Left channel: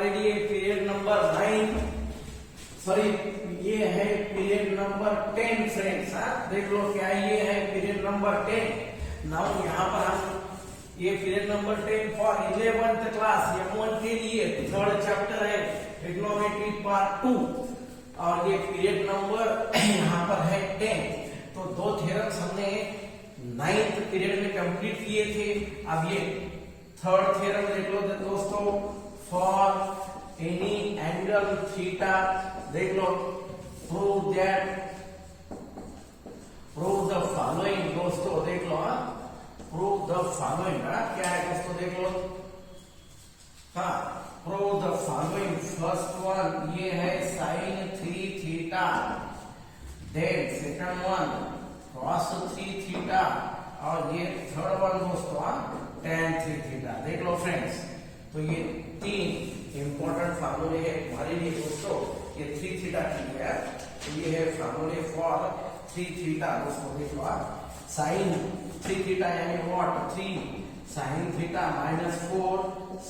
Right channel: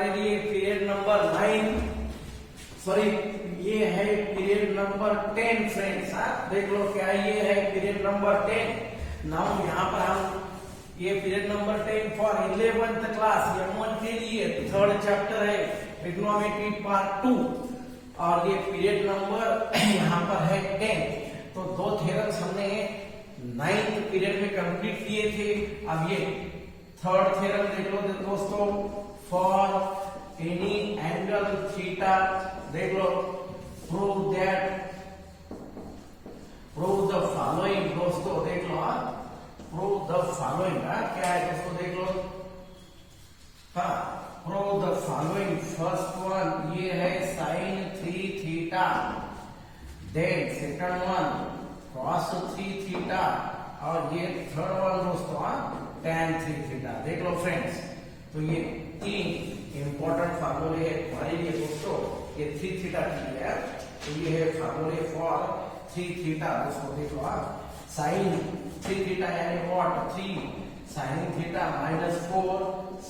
हमारे लिए period number 9, sorry ये है पीरियड नंबर 10 फ्रेंड्स। हाँ देख लो क्या ये है पीरियड नंबर 10। नाउ यहाँ पर हम ये period number 10 for 11th class M1 के लिए थर्ड चैप्टर है ट्रिग्नोमेट्री पार्ट 2 और ये पीरियड नंबर यहाँ पर है 10। तो दो थ्योरम्स हमने 9th पीरियड में कंप्लीट किए थे। अब ये थर्ड थ्योरम देख लो दोस्तों, फॉर एनी एंगल थीटा देख लो, प्रूव द फॉलोइंग दोस्तों देख लो, प्रूव द फॉलोइंग क्या है दोस्तों देख लो, हाँ prove the following. First one ये है sine 3 theta, then second one cos 3 theta और ये थर्ड वन दोस्तों tan 3 थीटा। देख लो फ्रेंड्स, तो ये तीन इंपॉर्टेंट फार्मूले है हमारे लिए दोस्तों। ये 3 थीटा की है, तो ये है फार्मूले फॉर 3 थीटा दोस्तों। देखो साइन 3 थीटा यानी what 3 sine theta minus 4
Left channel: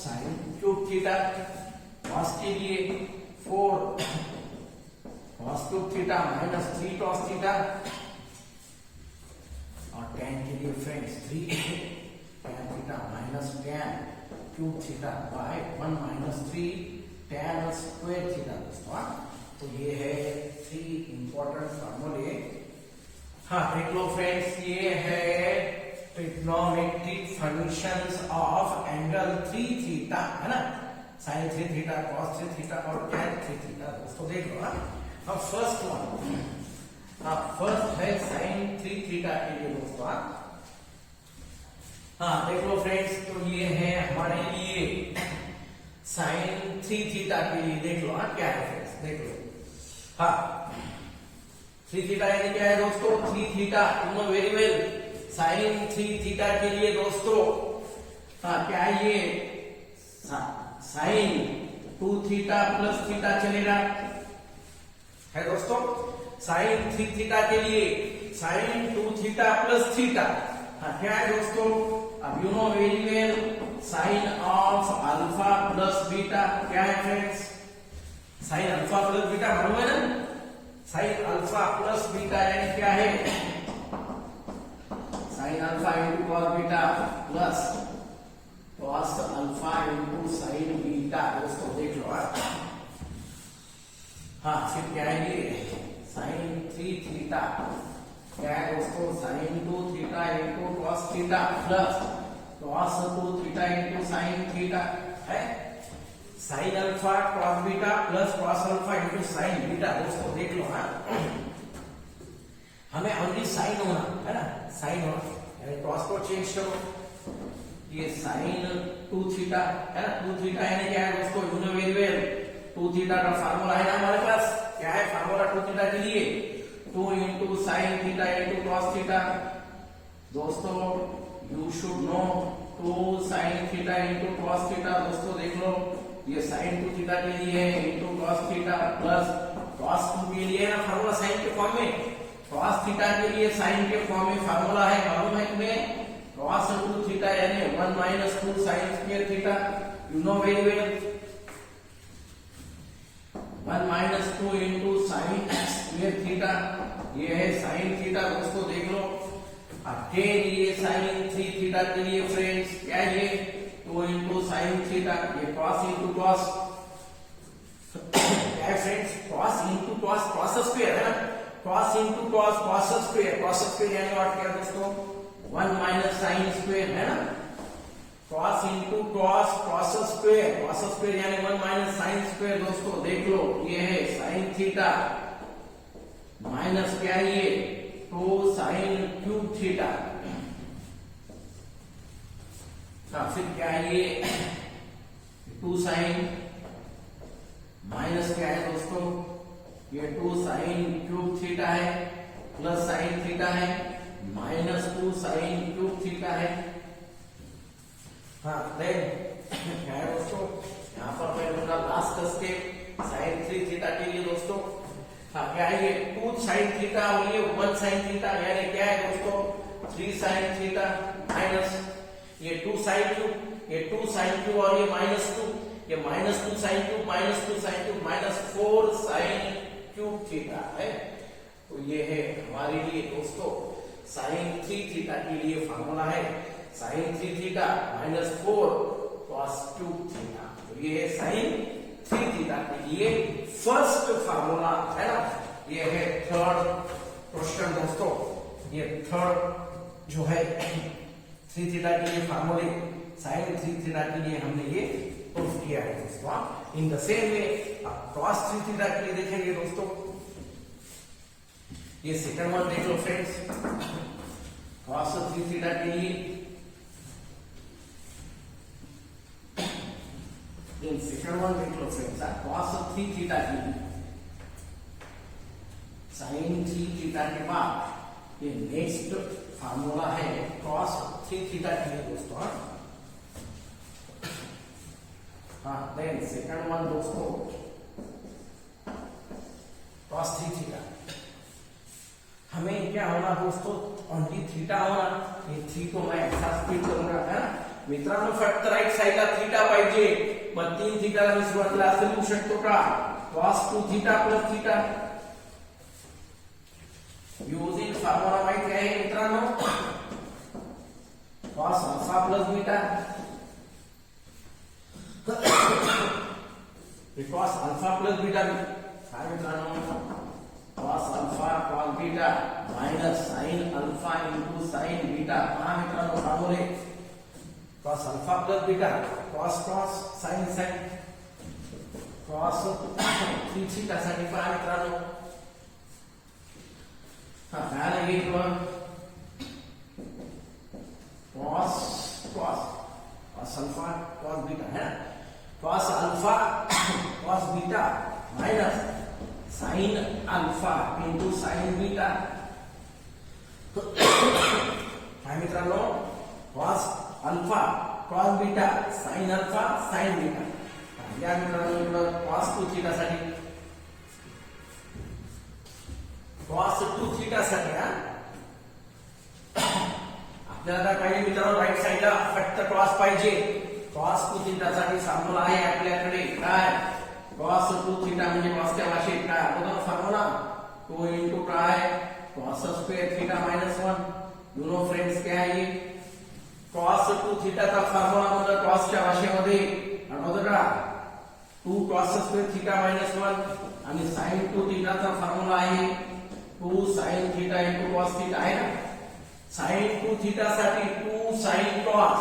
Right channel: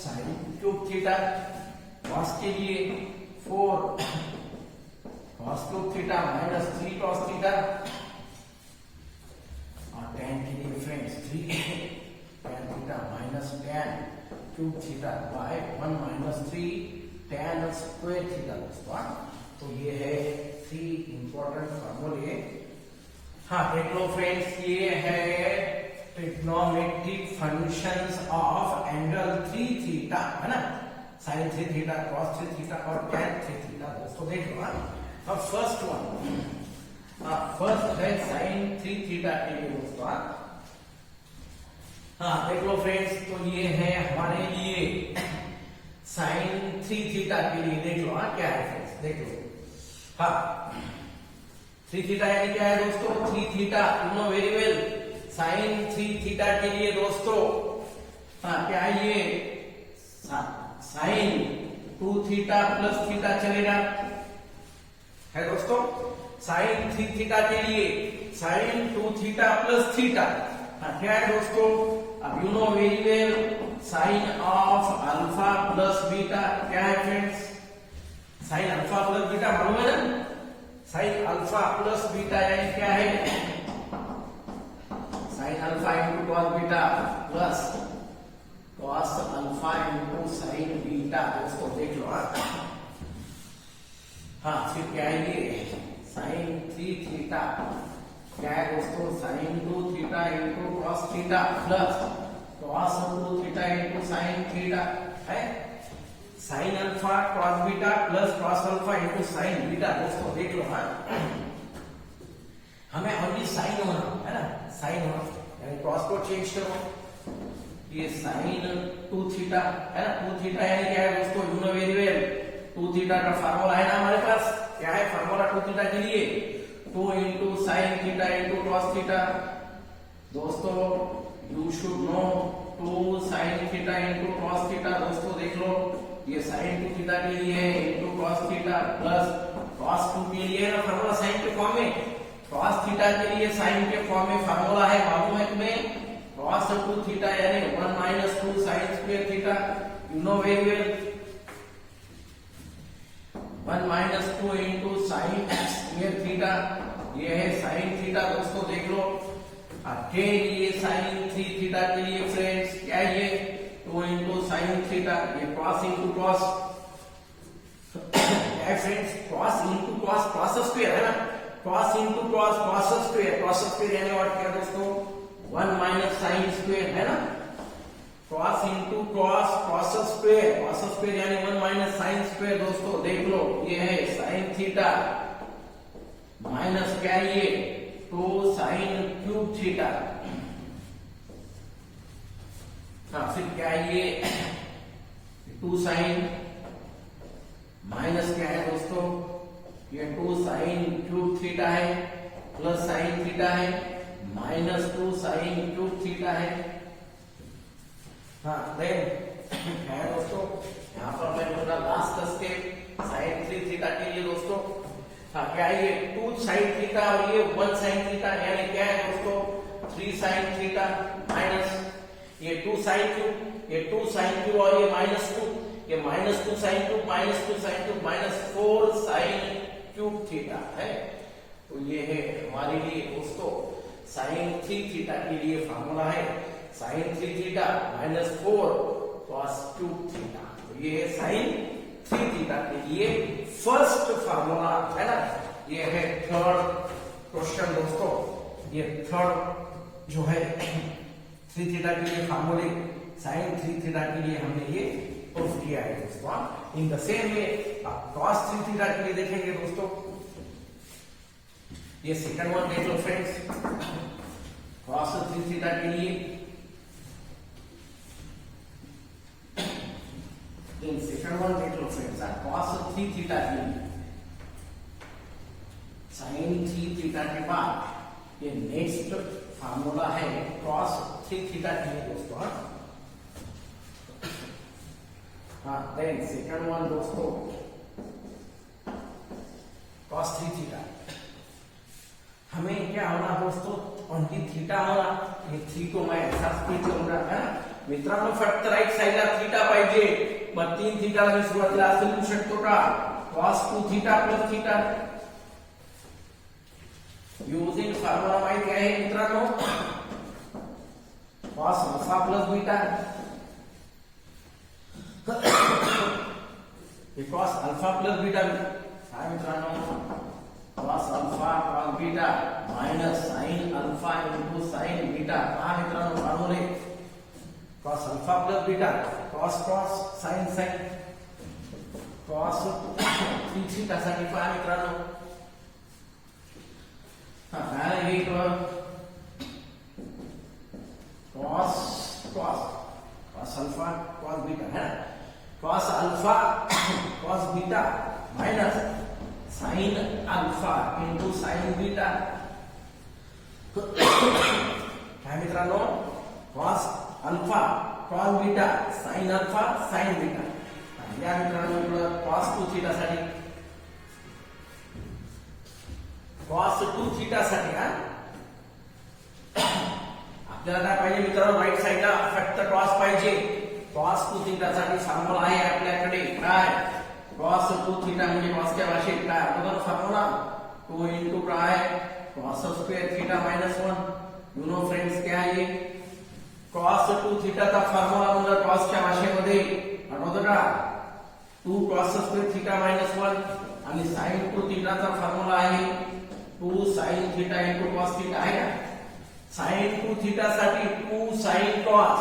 sine cube theta, cos के लिए 4 cos cube theta minus 3 cos theta और tan के लिए friends 3 tan theta minus tan cube theta by 1 minus 3 tan square theta दोस्तों। तो ये है 3 इंपॉर्टेंट फार्मूले। हाँ देख लो फ्रेंड्स, ये है trigonometric functions of angle 3 theta है ना, साइन 3 थीटा cos 3 थीटा और tan 3 थीटा दोस्तों। देख लो अब फर्स्ट वन, फर्स्ट है साइन 3 थीटा के लिए दोस्तों। हाँ देख लो फ्रेंड्स, तो ये है हमारे लिए साइन 3 थीटा के लिए। देख लो क्या है फ्रेंड्स, देख लो हाँ 3 थीटा यानी क्या है दोस्तों 3 theta, you know very well. Sine 3 theta के लिए दोस्तों हाँ क्या ये साइन 2 थीटा प्लस थीटा चलेगा है दोस्तों। साइन 3 थीटा के लिए साइन 2 थीटा प्लस थीटा क्या है दोस्तों, अब you know very well sine of alpha plus beta क्या है friends, sine alpha plus beta मालूम है ना, साइन अल्फा प्लस बीटा यानी क्या है sine alpha into cos beta plus cos alpha into sine beta दोस्तों। देख लो हाँ फिर क्या है ये साइन 3 थीटा क्या है दोस्तों, sine 2 theta into cos theta plus cos 2 theta into sine theta है, sine alpha cos beta plus cos alpha into sine beta दोस्तों। देख लो हाँ हमें ओनली साइन होना है ना, साइन होना यानी कॉस को चेंज करो, ये साइन 2 थीटा है ना, 2 थीटा यानी क्या है दोस्तों, you know very well 2 theta का फार्मूला है ना हमारे पास, क्या है फार्मूला 2 थीटा के लिए 2 into sine theta into cos theta दोस्तों। You should know 2 sine theta into cos theta दोस्तों। देख लो ये साइन 2 थीटा के लिए है into cos theta plus cos 2 के लिए है ना फार्मूला साइन के फॉर्म में, कॉस थीटा के लिए साइन के फॉर्म में फार्मूला है मालूम है तुम्हें, कॉस 2 थीटा यानी 1 minus 2 sign square theta, you know very well 1 minus 2 into sign square theta, ये है साइन थीटा दोस्तों। देख लो अगेन ये साइन 3 थीटा के लिए फ्रेंड्स क्या ये 2 इंटू साइन थीटा, ये कॉस इंटू कॉस क्या friends, cos into cos cos square है ना, cos into cos cos square, cos square यानी और क्या दोस्तों 1 माइनस साइन स्क्वायर है ना, cos into cos cos square यानी 1 माइनस साइन स्क्वायर दोस्तों। देख लो ये है साइन थीटा माइनस क्या ये 2 साइन क्यूब थीटा, फिर क्या ये 2 साइन माइनस क्या है दोस्तों, ये 2 साइन क्यूब थीटा है प्लस साइन थीटा है माइनस 2 साइन क्यूब थीटा है। हाँ देन क्या है दोस्तों, यहाँ पर मैं मेरा लास्ट स्टेप साइन 3 थीटा के लिए दोस्तों हाँ क्या है ये 2 साइन थीटा और ये 1 साइन थीटा यानी क्या है दोस्तों 3 साइन थीटा माइनस ये 2 साइन क्यूब, ये 2 साइन क्यूब और ये माइनस 2 ये -2 sin cube -4 sin cube theta है। तो ये है हमारे लिए दोस्तों sin 3 थीटा के लिए फार्मूला है sin 3 theta -4 cos cube theta. तो ये है sin 3 थीटा के लिए फर्स्ट फार्मूला है ना। ये है थर्ड क्वेश्चन दोस्तों। ये थर्ड जो है 3 थीटा के लिए फार्मूले sin 3 थीटा के लिए हमने ये प्रूफ किया है दोस्तों। In the same way cos 3 theta के लिए देखेंगे दोस्तों। ये सेकंड वन देख लो फ्रेंड्स। cos 3 थीटा के लिए सेकंड वन देख लो फ्रेंड्स। cos 3 थीटा के लिए sin 3 थीटा के बाद ये नेक्स्ट फार्मूला है cos 3 थीटा के लिए दोस्तों। हाँ देन सेकंड वन दोस्तों cos 3 थीटा। हमें क्या होना दोस्तों, ओनली थीटा होना। ये 3 को मैं ऐसा स्प्लिट करूंगा है ना मित्रांनो। फक्त राईट साईडला थीटा पाहिजे, मग 3 थीटाला मी सुरुवातीला असं लिहू शकतो का cos 2 theta plus theta. Using formula माहित आहे मित्रांनो, cos alpha plus beta. cos alpha plus beta काय मित्रांनो, cos alpha cos beta minus sin alpha into sin beta. हा मित्रांनो फॉर्म्युले cos alpha plus beta cos cos sin sin cos 3 theta साठी पहा मित्रांनो। हा काय आहे cos cos cos alpha cos beta है ना। cos alpha cos beta minus sin alpha into sin beta. काय मित्रांनो, cos alpha cos beta sin alpha sin beta. या मित्रांनो cos 2 थीटा साठी cos 2 थीटा साठी हा आपल्याला काय पाहिजे मित्रांनो, राईट साईडला फक्त cos पाहिजे। cos 2 थीटा साठी फॉर्म्युला आहे आपल्याकडे काय, cos 2 थीटा म्हणजे cos च्या भाषेत काय अगोदर फॉर्म्युला 2 इंटू काय cos square theta minus 1। You know friends क्या आहे cos 2 थीटाचा फॉर्म्युला म्हणजे cos च्या भाषेमध्ये अगोदर 2 cos स्क्वेअर थीटा माइनस 1 आणि sin 2 थीटाचा फॉर्म्युला आहे 2 sin theta into cos theta आहे ना। sin 2 थीटा साठी 2 sin cos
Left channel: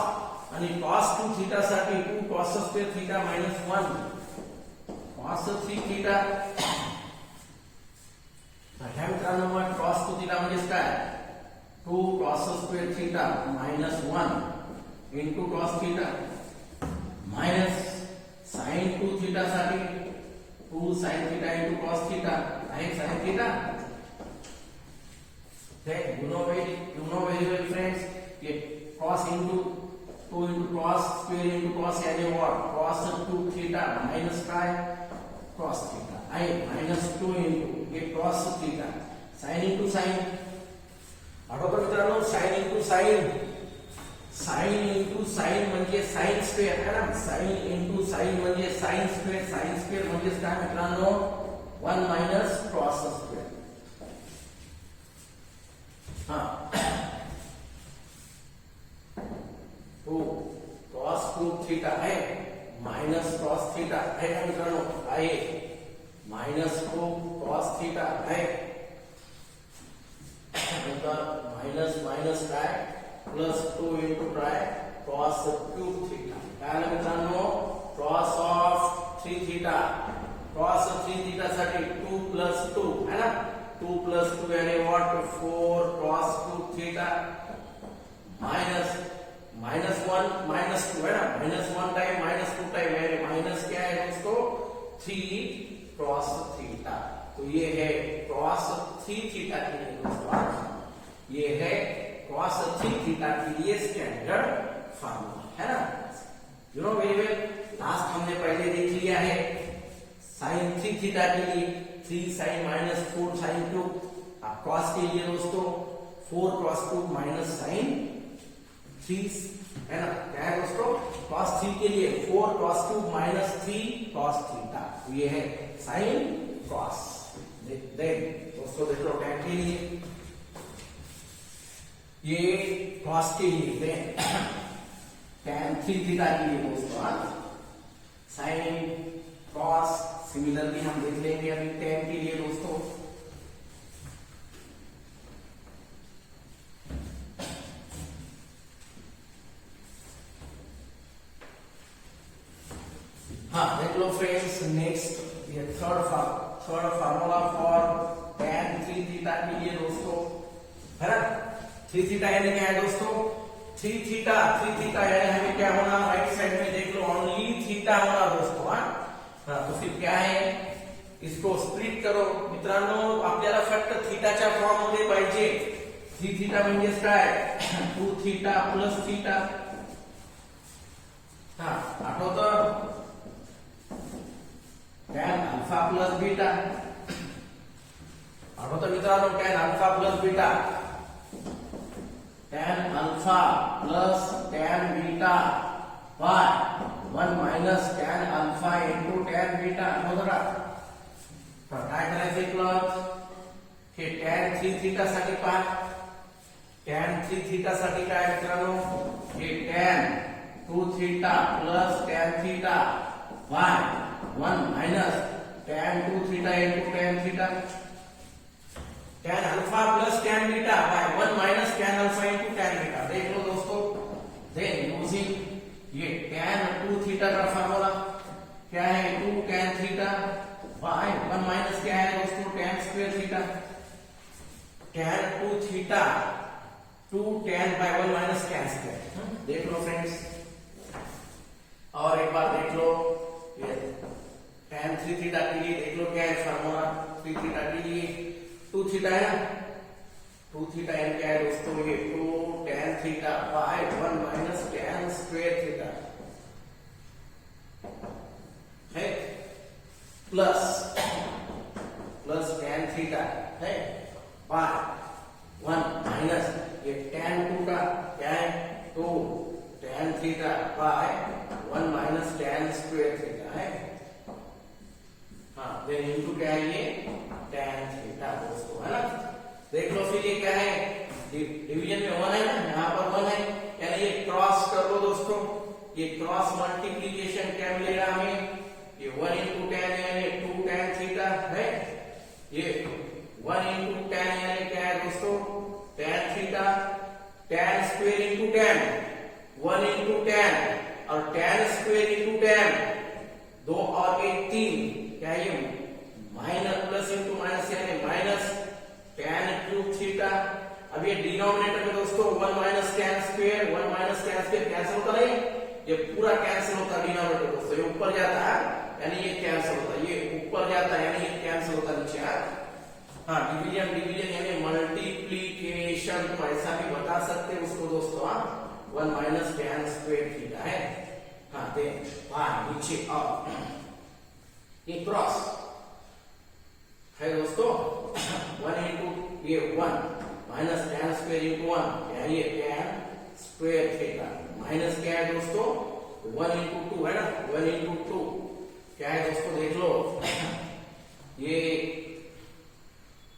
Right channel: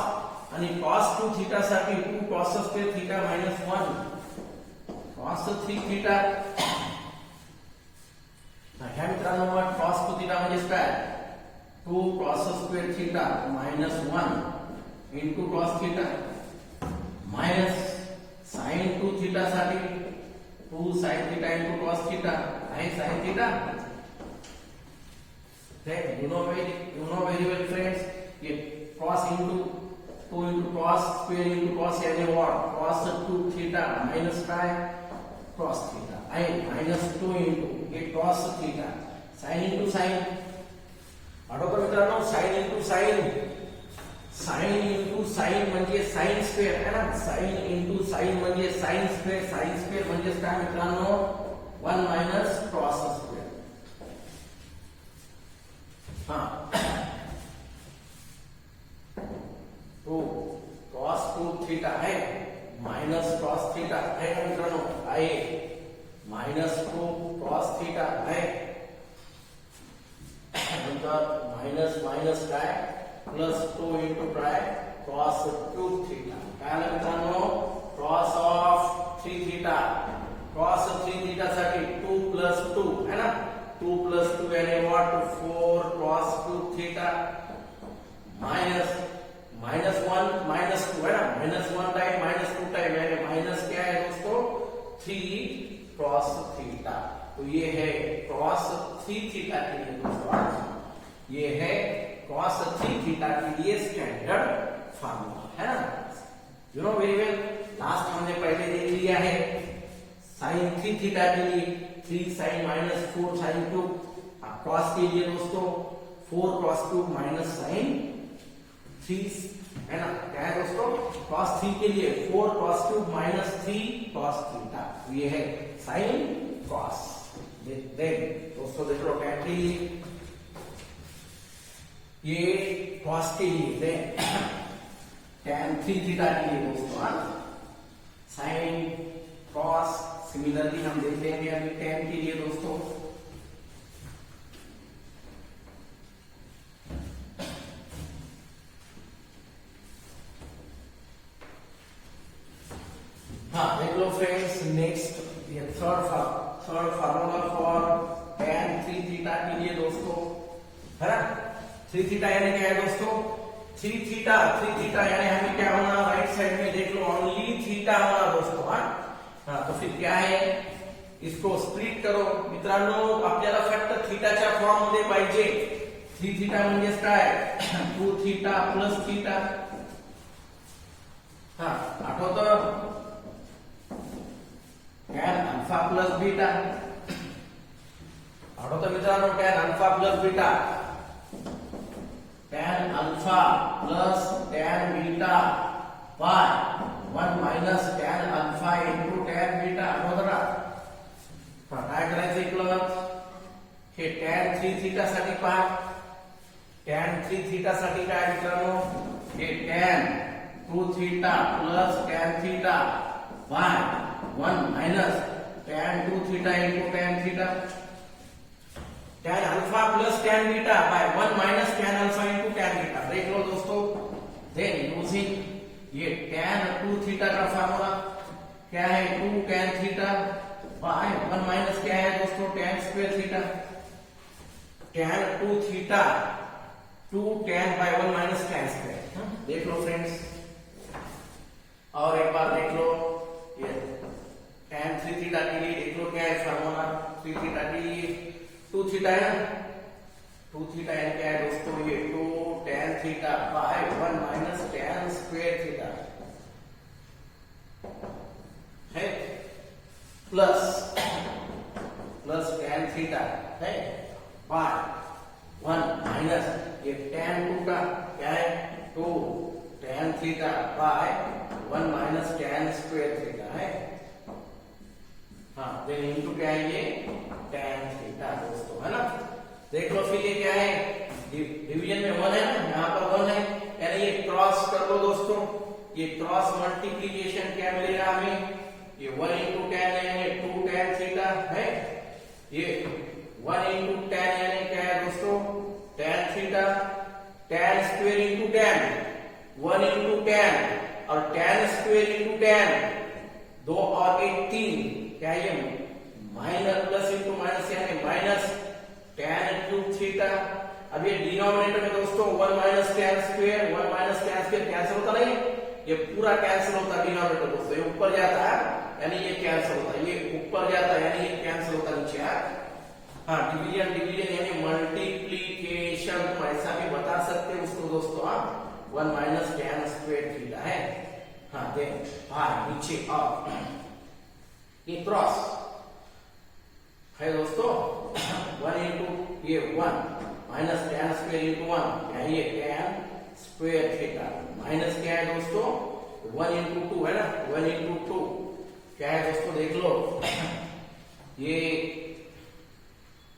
आणि cos 2 थीटा साठी 2 cos square theta minus 1 cos 3 theta. काय मित्रांनो मग cos 2 थीटा म्हणजे काय 2 cos square theta minus 1 into cos theta minus sin 2 theta साठी 2 sin theta into cos theta आहे sin theta. Then you know very well friends, ये cos into 2 into cos square into cos यानी what cos 2 theta minus काय cos theta आहे minus 2 into ये cos theta sin into sin। बरोबर मित्रांनो, sin into sin म्हणजे sin square है ना। sin into sin म्हणजे sin स्क्वेअर म्हणजे काय मित्रांनो 1 माइनस cos स्क्वेअर। तो cos 2 थीटा है माइनस cos थीटा है ना मित्रांनो आहे माइनस 2 cos थीटा है माइनस माइनस काय प्लस 2 इंटू काय cos 2 थीटा। काय मित्रांनो cos of 3 theta cos 3 theta साठी 2 प्लस 2 है ना। 2 प्लस 2 यानी what 4 cos 2 theta minus minus 1 minus 2 है ना। माइनस 1 टाइम माइनस 2 टाइम यानी माइनस क्या है दोस्तों 3 cos थीटा। तो ये है cos 3 थीटा के लिए दोस्तों, ये है cos 3 थीटा के लिए स्टैंडर्ड फार्मूला है ना। You know very well. Last हमने पहले देख लिया है sin 3 थीटा के लिए 3 sin माइनस 4 sin 2। अब cos के लिए दोस्तों 4 cos 2 माइनस sin 3 है ना, क्या है दोस्तों, cos 3 के लिए 4 cos 2 माइनस 3 cos थीटा, ये है साइन cos। देख दोस्तों, देख लो tan के लिए, ये cos के लिए tan 3 थीटा के लिए दोस्तों साइन cos। सिमिलरली हम देख लेंगे अभी tan के लिए दोस्तों, हाँ देख लो फ्रेंड्स, नेक्स्ट ये third formula for tan 3 theta के लिए दोस्तों, है ना। 3 थीटा यानी क्या है दोस्तों, 3 थीटा यानी हमें क्या होना, राइट साइड में देख लो ओनली थीटा होना दोस्तों। हाँ तो फिर क्या है, इसको स्प्लिट करो मित्रांनो, आपल्याला फक्त थीटाच्या फॉर्म मध्ये पाहिजे। 3 थीटा म्हणजेच काय, 2 थीटा प्लस थीटा। हाँ आठवतं, tan अल्फा प्लस बीटा, आठवतं मित्रांनो, tan alpha plus beta, tan alpha plus tan beta by 1 minus tan alpha into tan beta, आठवतं का। काय करायचं इकडं, हे tan 3 थीटा साठी पहा, tan 3 थीटा साठी काय मित्रांनो, हे tan 2 theta plus tan theta by 1 minus tan 2 theta into tan theta, tan alpha plus tan beta by 1 minus tan alpha into tan beta. देख लो दोस्तों, देन यूजिंग ये tan 2 थीटा का फार्मूला क्या है, 2 tan थीटा बाय 1 माइनस क्या है दोस्तों, tan square theta, tan 2 theta 2 tan by 1 minus tan square. देख लो फ्रेंड्स, और एक बार देख लो ये tan 3 थीटा के लिए देख लो क्या है फार्मूला, 3 थीटा के लिए 2 थीटा है ना, 2 थीटा यानी क्या है दोस्तों, ये 2 tan theta by 1 minus tan square theta है, प्लस tan थीटा है बाय 1 माइनस ये tan 2 का क्या है, 2 tan theta by 1 minus tan square theta है। हाँ देन इनटू क्या है, ये tan थीटा दोस्तों, है ना। देख लो फिर ये क्या है, डिवीजन में 1 है ना, यहाँ पर 1 है, यानी ये क्रॉस कर लो दोस्तों, ये क्रॉस मल्टीप्लीकेशन क्या मिलेगा हमें, ये 1 इंटू tan यानी 2 tan थीटा है, ये 1 इंटू tan यानी क्या है दोस्तों, tan theta, tan square into tan, 1 into tan और tan स्क्वायर इंटू tan, 2 और 1 3, क्या ये माइनस प्लस इंटू माइनस यानी माइनस tan क्यूब थीटा। अब ये डिनोमिनेटर में दोस्तों 1 minus tan square, 1 minus tan square cancel होता नहीं, ये पूरा कैंसिल होता डिनोमिनेटर दोस्तों, ये ऊपर जाता है यानी ये कैंसिल होता है, ये ऊपर जाता है यानी ये कैंसिल होता नीचे। हाँ डिवीजन यानी मल्टीप्लीकेशन, ऐसा भी बता सकते हैं उसको दोस्तों आप, 1 माइनस tan स्क्वायर थीटा है। हाँ देख हाँ नीचे और ये क्रॉस है दोस्तों, 1 इंटू ये 1 माइनस tan स्क्वायर इंटू 1 ये tan स्क्वायर थीटा, माइनस क्या है दोस्तों, 1 इंटू 2 है ना, 1 इंटू 2 क्या है दोस्तों, देख लो ये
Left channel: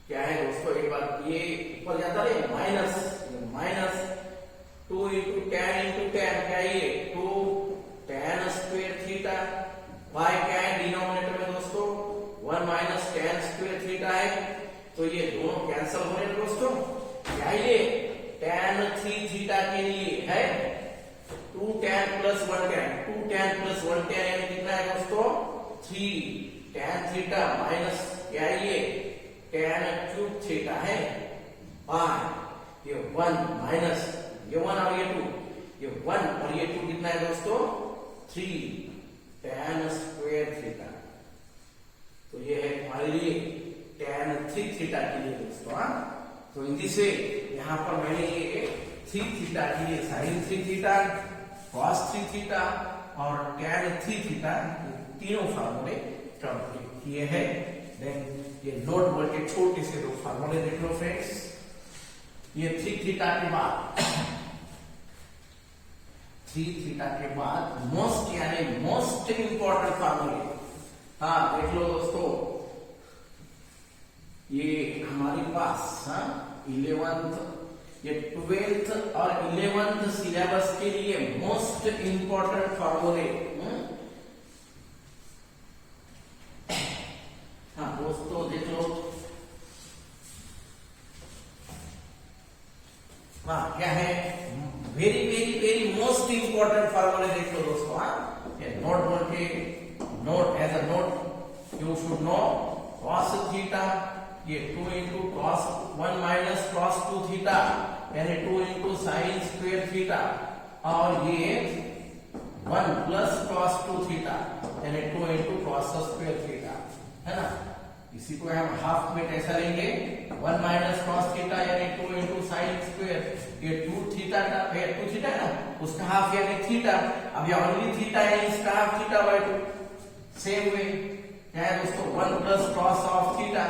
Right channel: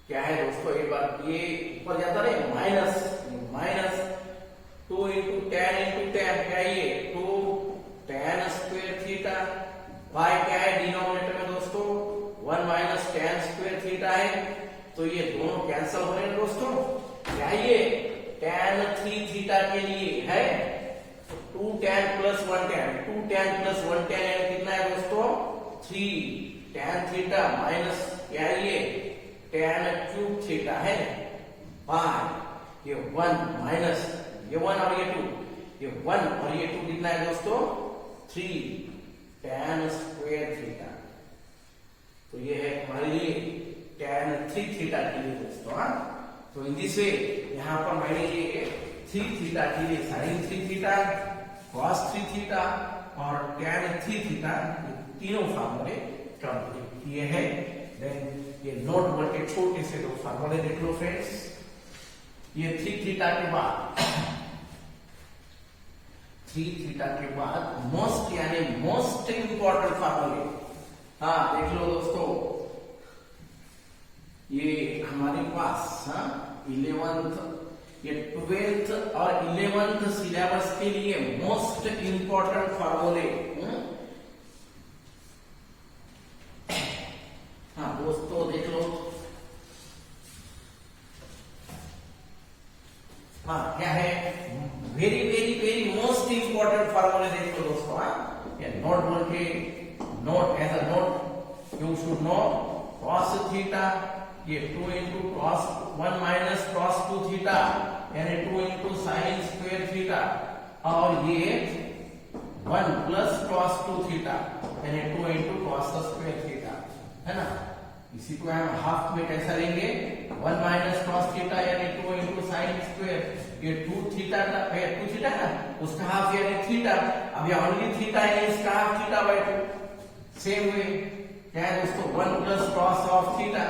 क्या है दोस्तों, एक बार ये ऊपर जाता है माइनस 2 इंटू tan क्या है, ये 2 tan स्क्वायर थीटा बाय क्या है डिनोमिनेटर में दोस्तों 1 माइनस tan स्क्वायर थीटा है, तो ये दोनों कैंसिल हो रहे हैं दोस्तों। क्या ये tan 3 थीटा के लिए है 2 tan plus 1 tan, 2 tan plus 1 tan कितना है दोस्तों, 3 tan थीटा माइनस क्या है ये tan क्यूब थीटा है बाय ये 1 माइनस ये 1 और ये 2, ये 1 और ये 2 कितना है दोस्तों, 3 tan स्क्वायर थीटा। तो ये है हमारे लिए tan 3 थीटा के लिए दोस्तों। तो इन दिस वे यहाँ पर मैंने ये 3 थीटा के लिए sin 3 थीटा, cos 3 थीटा और tan 3 थीटा तीनों फार्मूले किए हैं। देन ये नोट बोर्ड के छोटे से दो फार्मूले देख लो फ्रेंड्स। ये 3 थीटा के बाद 3 थीटा के बाद मोस्ट यानी मोस्ट इंपॉर्टेंट फार्मूले। हाँ देख लो दोस्तों, ये हमारे पास 11th ये 12th और 11th सिलेबस के लिए मोस्ट इंपॉर्टेंट फार्मूले। हाँ दोस्तों देख लो, हाँ क्या है, very very very most important फार्मूले देख लो दोस्तों। नोट बोल पे, note as a note you should know cos theta, ये 2 into cos 1 minus cos 2 theta यानी 2 इंटू साइन स्क्वेयर थीटा, और ये 1 प्लस cos 2 थीटा यानी 2 इंटू cos स्क्वेयर थीटा, है ना। इसी को हम हाफ में कैसा लेंगे, 1 माइनस cos थीटा यानी 2 इंटू साइन स्क्वेयर, ये 2 थीटा का 2 थीटा है ना, उसका हाफ यानी थीटा, अब ये ओनली थीटा है इसका half theta by 2। Same way क्या है दोस्तों, 1 प्लस cos ऑफ थीटा,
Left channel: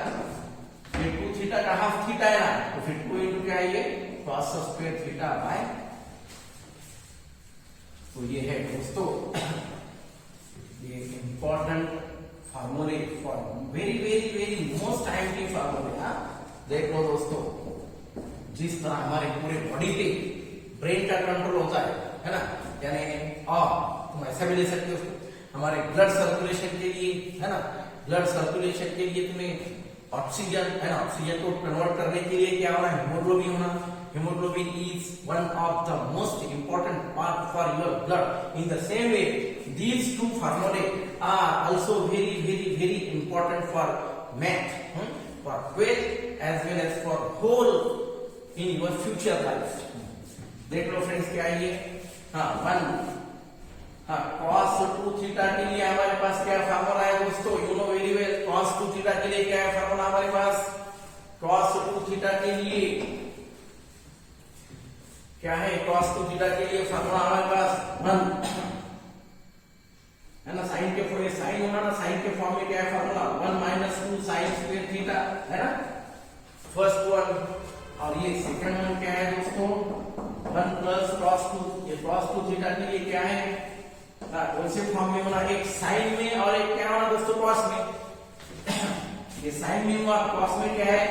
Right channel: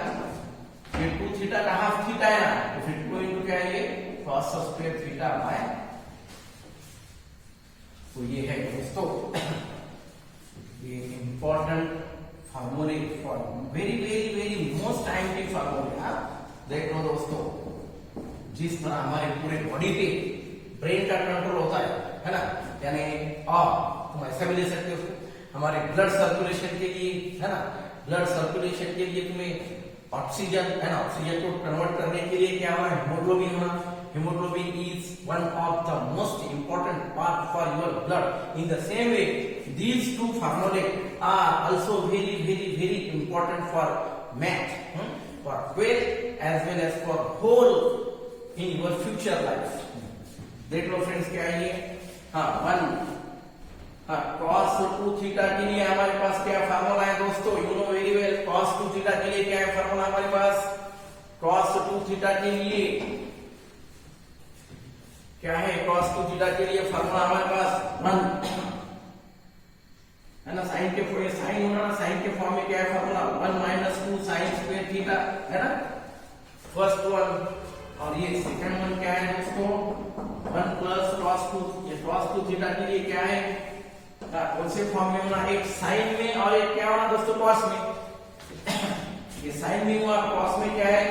ये 2 थीटा का हाफ थीटा है ना, तो फिर 2 इंटू क्या है ये cos स्क्वेयर थीटा बाय। तो ये है दोस्तों ये इंपॉर्टेंट फार्मूले for very very very most timely फार्मूले। देख लो दोस्तों, जिस तरह हमारे पूरे बॉडी पे ब्रेन का कंट्रोल होता है ना, यानी तुम ऐसा भी ले सकते हो, हमारे ब्लड सर्कुलेशन के लिए, है ना, ब्लड सर्कुलेशन के लिए तुम्हें ऑक्सीजन, है ना, ऑक्सीजन को कन्वर्ट करने के लिए क्या होना है, हिमोग्लोबिन होना। Hemoglobin is one of the most important part for your blood. In the same way, these two formulae are also very, very, very important for math, for 12 as well as for whole in your future life. देख लो friends क्या है ये, cos 2 theta के लिए हमारे पास क्या formula है दोस्तों, you know very well. cos 2 theta के लिए क्या है फार्मूला हमारे पास, cos 2 थीटा के लिए क्या है, cos 2 थीटा के लिए फार्मूला हमारे पास 1 है ना, साइन के फॉर्म, साइन होना ना, साइन के फॉर्म में क्या है formula 1 minus 2 sign square theta, है ना, फर्स्ट वन। और ये सेकंड वन क्या है दोस्तों, 1 प्लस cos 2, ये cos 2 थीटा के लिए क्या है, कौन से फॉर्म में बना, एक साइन में और एक क्या बना दोस्तों cos में। ये साइन में और cos में क्या है,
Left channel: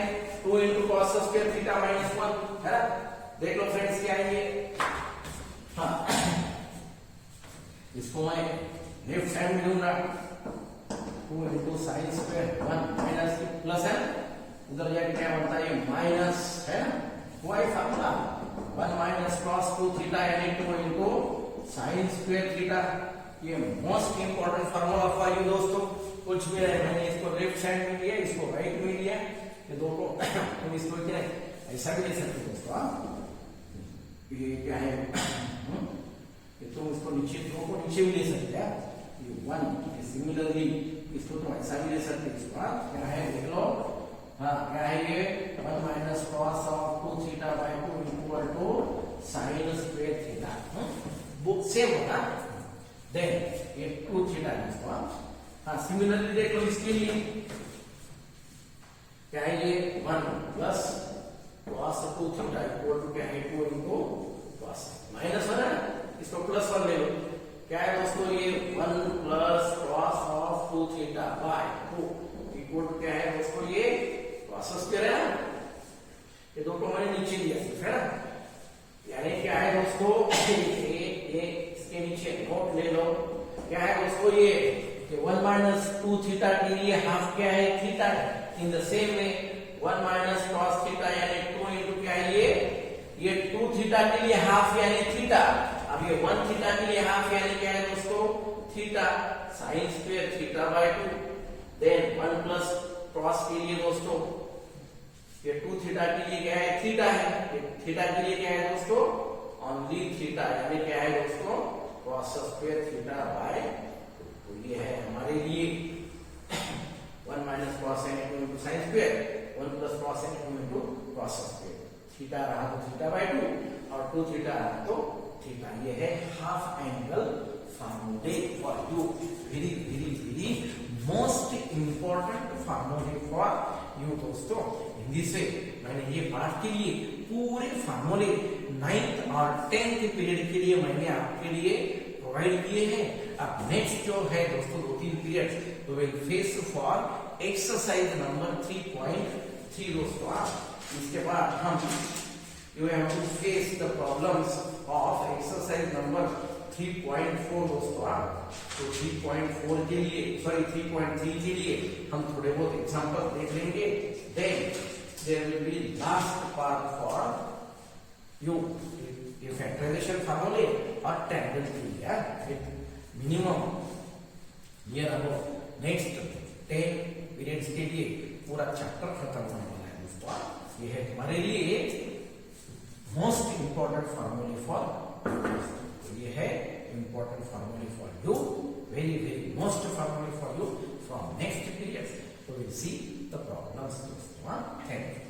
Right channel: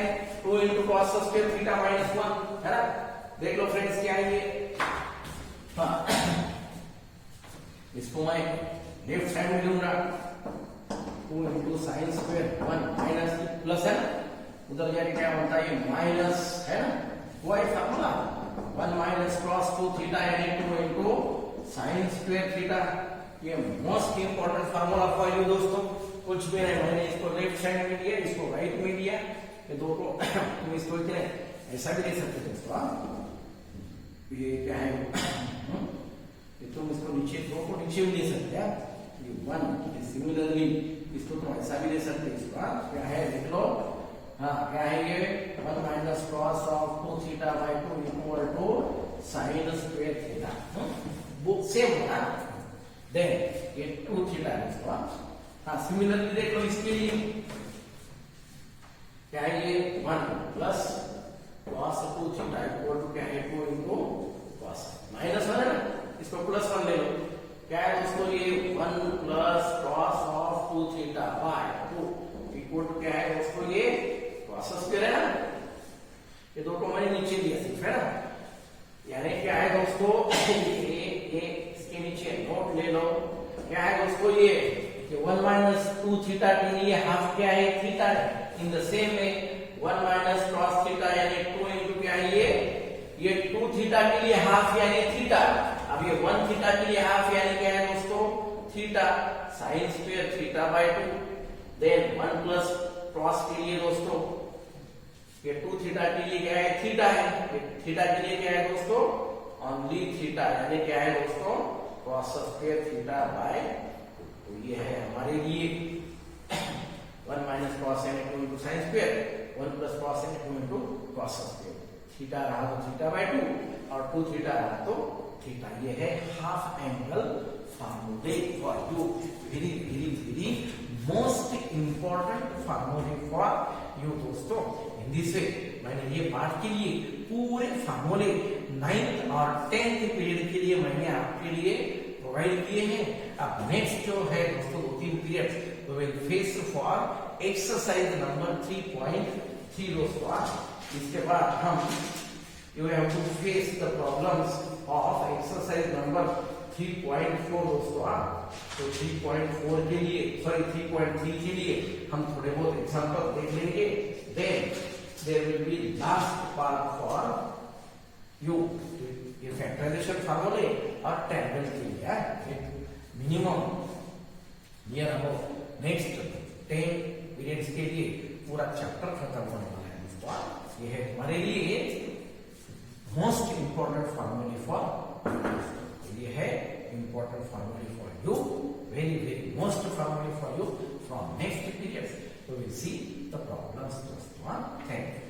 2 into cos square theta minus 1, है ना। देख लो फ्रेंड्स क्या है ये, इसको मैं लेफ्ट साइड में लूंगा, 2 into sine square 1 minus plus है, उधर जाके क्या बनता है ये माइनस, है ना, वो है फार्मूला 1 माइनस cos 2 थीटा यानी 2 इंटू साइन स्क्वायर थीटा। ये most important formula for you दोस्तों। कुछ भी नहीं, मैंने इसको लेफ्ट साइड में लिया, इसको राइट में लिया, ये दो को तुम इसको क्या ऐसा भी ले सकते हो दोस्तों। ये क्या है, ये तुम इसको नीचे, दो को नीचे भी ले सकते हैं, ये 1 सिमिलरली इसको तुम ऐसा भी ले सकते हो इसको। क्या है देख लो, क्या है ये 1 minus cos of 2 theta by 2 equal to sine square theta, book same होगा। देन ये 2 थीटा है इसको। सिमिलरली देख लो इसके लिए क्या है ये 1 plus cos 2 theta equal to क्या है 2 इंटू cos, माइनस 1 है, इसको प्लस 1 ले लो, क्या है दोस्तों ये 1 plus cos of 2 theta by 2 equal to क्या है दोस्तों ये cos स्क्वायर है ना, ये दो को मैंने नीचे दिया है ना, यानी क्या है दोस्तों ये इसके नीचे नोट ले लो, क्या है दोस्तों ये 1 माइनस 2 थीटा के लिए हाफ क्या है थीटा है। In the same way 1 minus cos theta यानी 2 इंटू क्या है ये 2 थीटा के लिए हाफ यानी थीटा, अब ये 1 थीटा के लिए हाफ यानी क्या है दोस्तों theta, sine square theta by 2। Then 1 plus cos के लिए दोस्तों ये 2 थीटा के लिए क्या है थीटा है, थीटा के लिए क्या है दोस्तों ओनली थीटा, यानी क्या है दोस्तों cos स्क्वायर थीटा बाय 2। तो ये है हमारे लिए 1 minus cos n 2 into sine square, 1 plus cos n 2 into cos square, theta रहा तो थीटा बाय 2 और 2 थीटा रहा तो थीटा। ये है हाफ एंगल फार्मूले for you, very very very most important फार्मूले फॉर यू दोस्तों। इन दिस वे मैंने ये पार्ट के लिए पूरे फार्मूले 9th और 10th पीरियड के लिए मैंने आपके लिए प्रोवाइड किए हैं। अब नेक्स्ट जो है दोस्तों 2-3 पीरियड तो will face for exercise number 3.3 दोस्तों। इसके बाद हम you have to face the problems of exercise number 3.4 दोस्तों। तो 3.4 के लिए 3.3 के लिए हम थोड़े बहुत एग्जांपल देख लेंगे। Then there will be last part for you ये फैक्टराइजेशन फार्मूले और टेबल के लिए मिनिमम ये हम नेक्स्ट 10 पीरियड्स के लिए पूरा चैप्टर खत्म होने वाला है दोस्तों। ये है हमारे लिए मोस्ट इंपॉर्टेंट फार्मूले फॉर ये है इंपॉर्टेंट फार्मूले for you, very very most फार्मूले for you from next period. तो विल सी द प्रॉब्लम्स दोस्तों। Thank you.